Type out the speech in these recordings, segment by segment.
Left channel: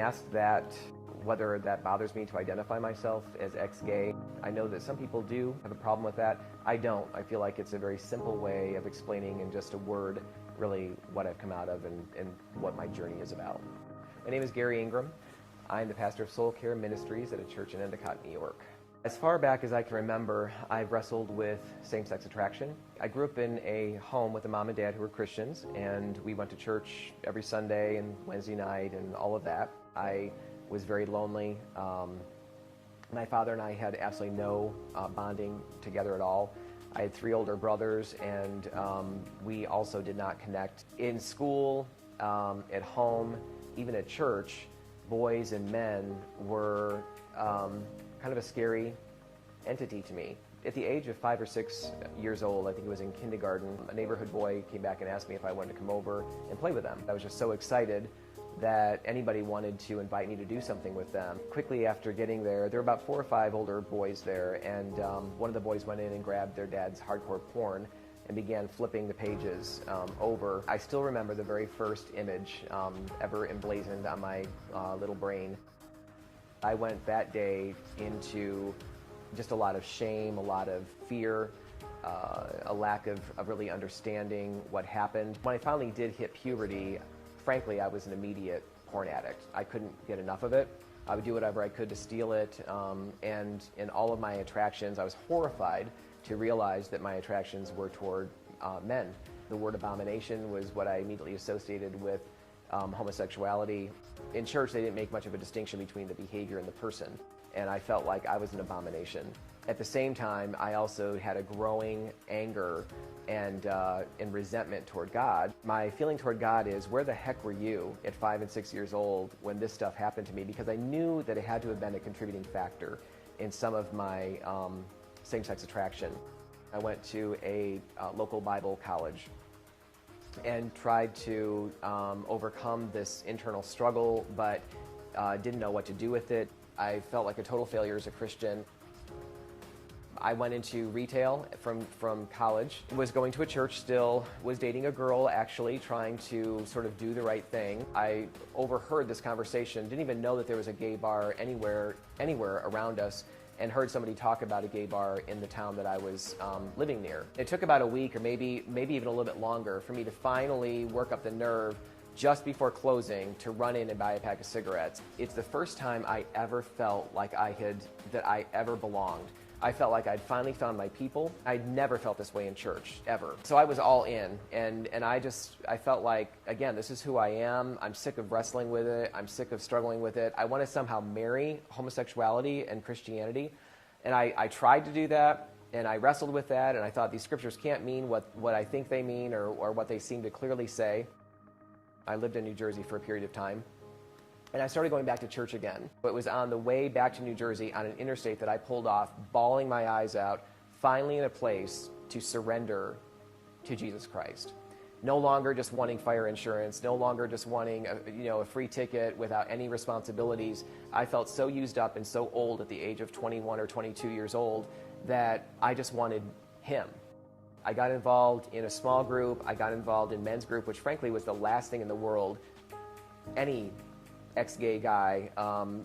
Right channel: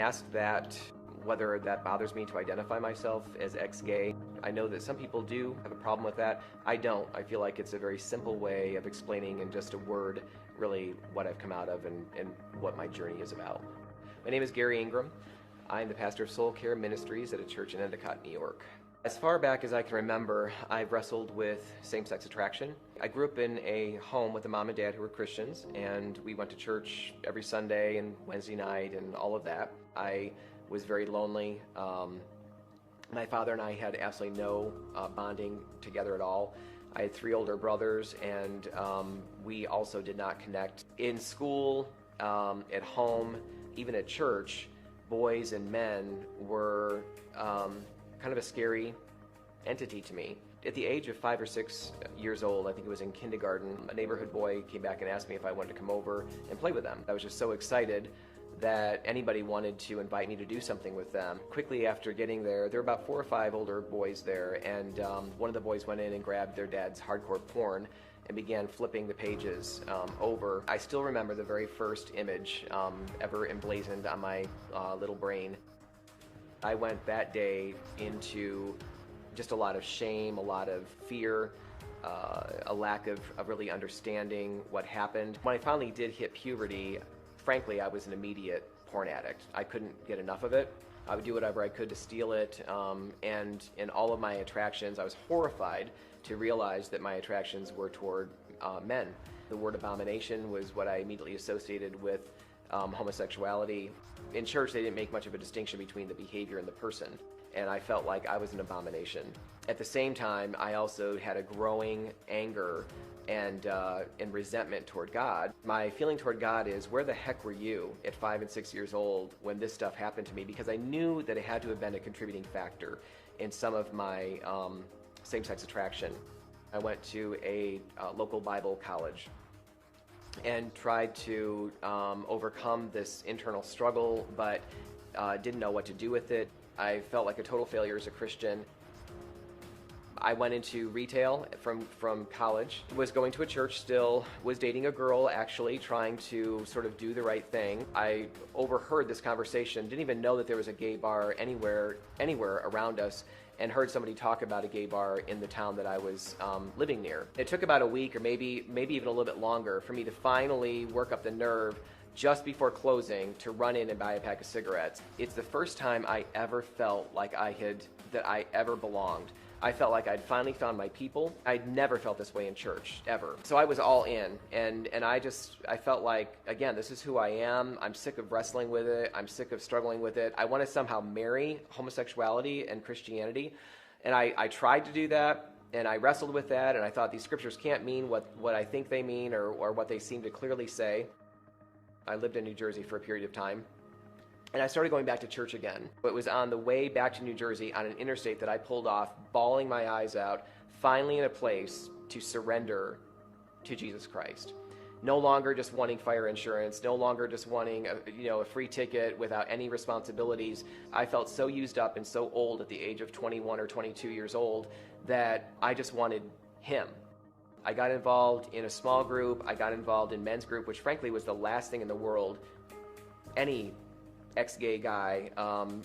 asked that whether that bothers me to identify myself as ex-gay. I know that some people do have a problem with that. I don't. I feel like it's a very simple way of explaining in just a word really what I've come out of and what my journey is about. My name is Garry Ingraham. I'm the pastor of Soul Care Ministries at a church in Endicott, New York. As far back as I can remember, I've wrestled with same-sex attraction. I grew up in a home with a mom and dad who were Christians, and we went to church every Sunday and Wednesday night and all of that. I was very lonely. My father and I had absolutely no bonding together at all. I had 3 older brothers, and we also did not connect. In school, at home, even at church, boys and men were kind of a scary entity to me. At the age of 5 or 6 years old, I think it was in kindergarten, a neighborhood boy came back and asked me if I wanted to come over and play with them. I was just so excited that anybody wanted to invite me to do something with them. Quickly after getting there were about 4 or 5 older boys there, and one of the boys went in and grabbed their dad's hardcore porn and began flipping the pages over. I still remember the very first image ever emblazoned on my little brain. I went that day into just a lot of shame, a lot of fear, a lack of really understanding what happened. When I finally did hit puberty, frankly, I was an immediate porn addict. I couldn't get enough of it. I would do whatever I could to steal it, and in all of my attractions, I was horrified to realize that my attractions were toward men. The word abomination was what I immediately associated with homosexuality. In church, they didn't make much of a distinction between the behavior and the person, and I felt like I was an abomination. At the same time, I also had a growing anger and resentment toward God. My feeling toward God is, where the heck were you at 5 and 6 years old when this stuff happened to me? Because I knew that it had to have been a contributing factor in some of my same-sex attraction. I went to a local Bible college and tried to overcome this internal struggle, but didn't know what to do with it. I felt like a total failure as a Christian. I went into retail from college, was going to a church still, was dating a girl actually, trying to sort of do the right thing. I overheard this conversation, didn't even know that there was a gay bar anywhere around us, and heard somebody talk about a gay bar in the town that I was living near. It took about a week or maybe even a little bit longer for me to finally work up the nerve just before closing to run in and buy a pack of cigarettes. It's the first time I ever felt like that I ever belonged. I felt like I'd finally found my people. I'd never felt this way in church, ever. So I was all in, and I felt like, again, this is who I am. I'm sick of wrestling with it. I'm sick of struggling with it. I want to somehow marry homosexuality and Christianity, and I tried to do that, and I wrestled with that, and I thought these scriptures can't mean what I think they mean or what they seem to clearly say. I lived in New Jersey for a period of time, and I started going back to church again. It was on the way back to New Jersey on an interstate that I pulled off, bawling my eyes out, finally in a place to surrender to Jesus Christ. No longer just wanting fire insurance, no longer just wanting a free ticket without any responsibilities. I felt so used up and so old at the age of 21 or 22 years old that I just wanted Him. I got involved in a small group. I got involved in men's group, which frankly was the last thing in the world any ex-gay guy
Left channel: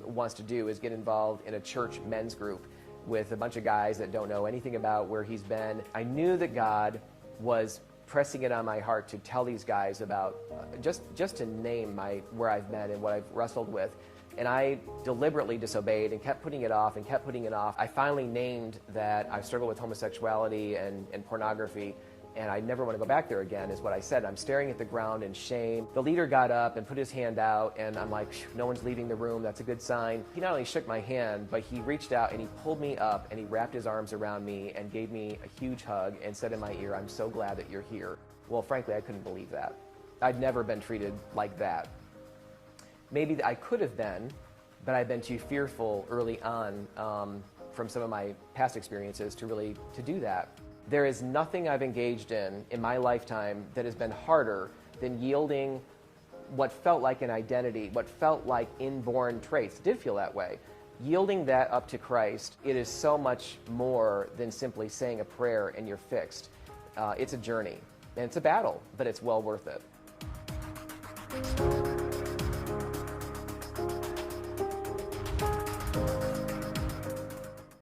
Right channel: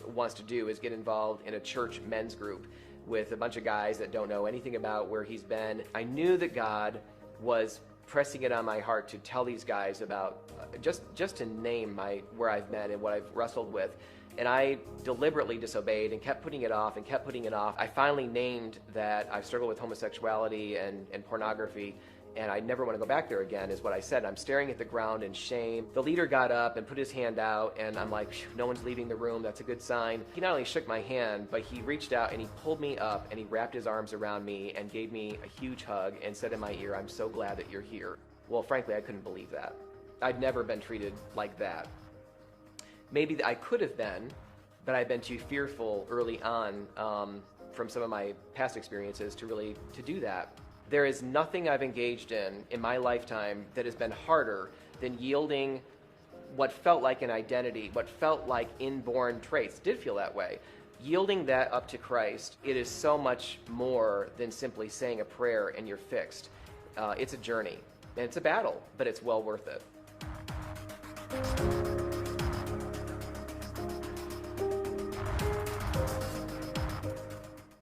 wants to do, is get involved in a church men's group with a bunch of guys that don't know anything about where he's been. I knew that God was pressing it on my heart to tell these guys about, just to name where I've been and what I've wrestled with. And I deliberately disobeyed and kept putting it off and kept putting it off. I finally named that I've struggled with homosexuality and pornography, and I never want to go back there again, is what I said. I'm staring at the ground in shame. The leader got up and put his hand out, and I'm like, no one's leaving the room, that's a good sign. He not only shook my hand, but he reached out and he pulled me up and he wrapped his arms around me and gave me a huge hug and said in my ear, "I'm so glad that you're here." Well, frankly, I couldn't believe that. I'd never been treated like that. Maybe I could have been, but I'd been too fearful early on from some of my past experiences to do that. There is nothing I've engaged in my lifetime that has been harder than yielding what felt like an identity, what felt like inborn traits, did feel that way. Yielding that up to Christ, it is so much more than simply saying a prayer and you're fixed. It's a journey, and it's a battle, but it's well worth it.